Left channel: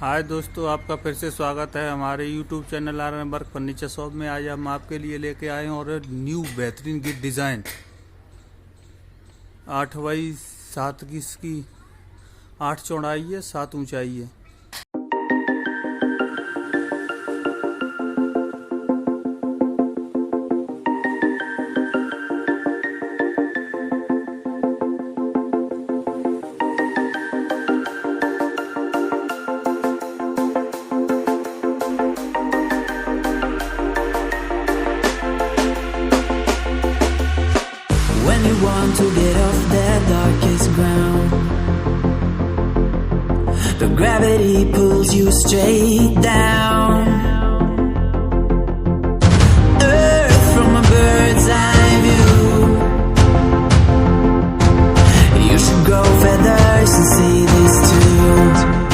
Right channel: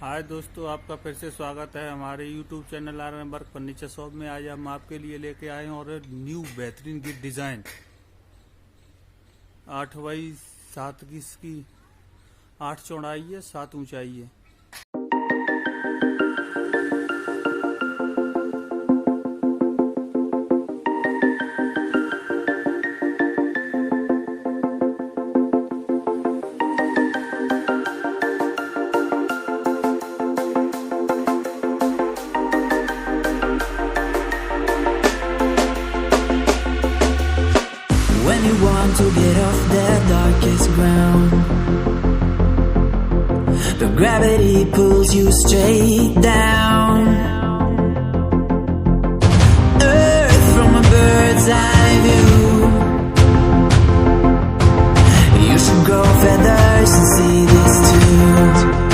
हाय दोस्तों, आपका फिर से स्वागत है हमारे YouTube चैनल आर्यनबर्ग फर्नीचर शॉप में। आज हम आपके लिए लेके आए हैं और न्यू बेहतरीन गिफ्ट डिज़ाइन 8x7 की इसकी 8 चौड़ाई है, 7 ऊंचाई है। When you want to get off that darkest ground, but gravity pulls you straight down. Earth from a bird's eye view. You should grow feathers and see this too.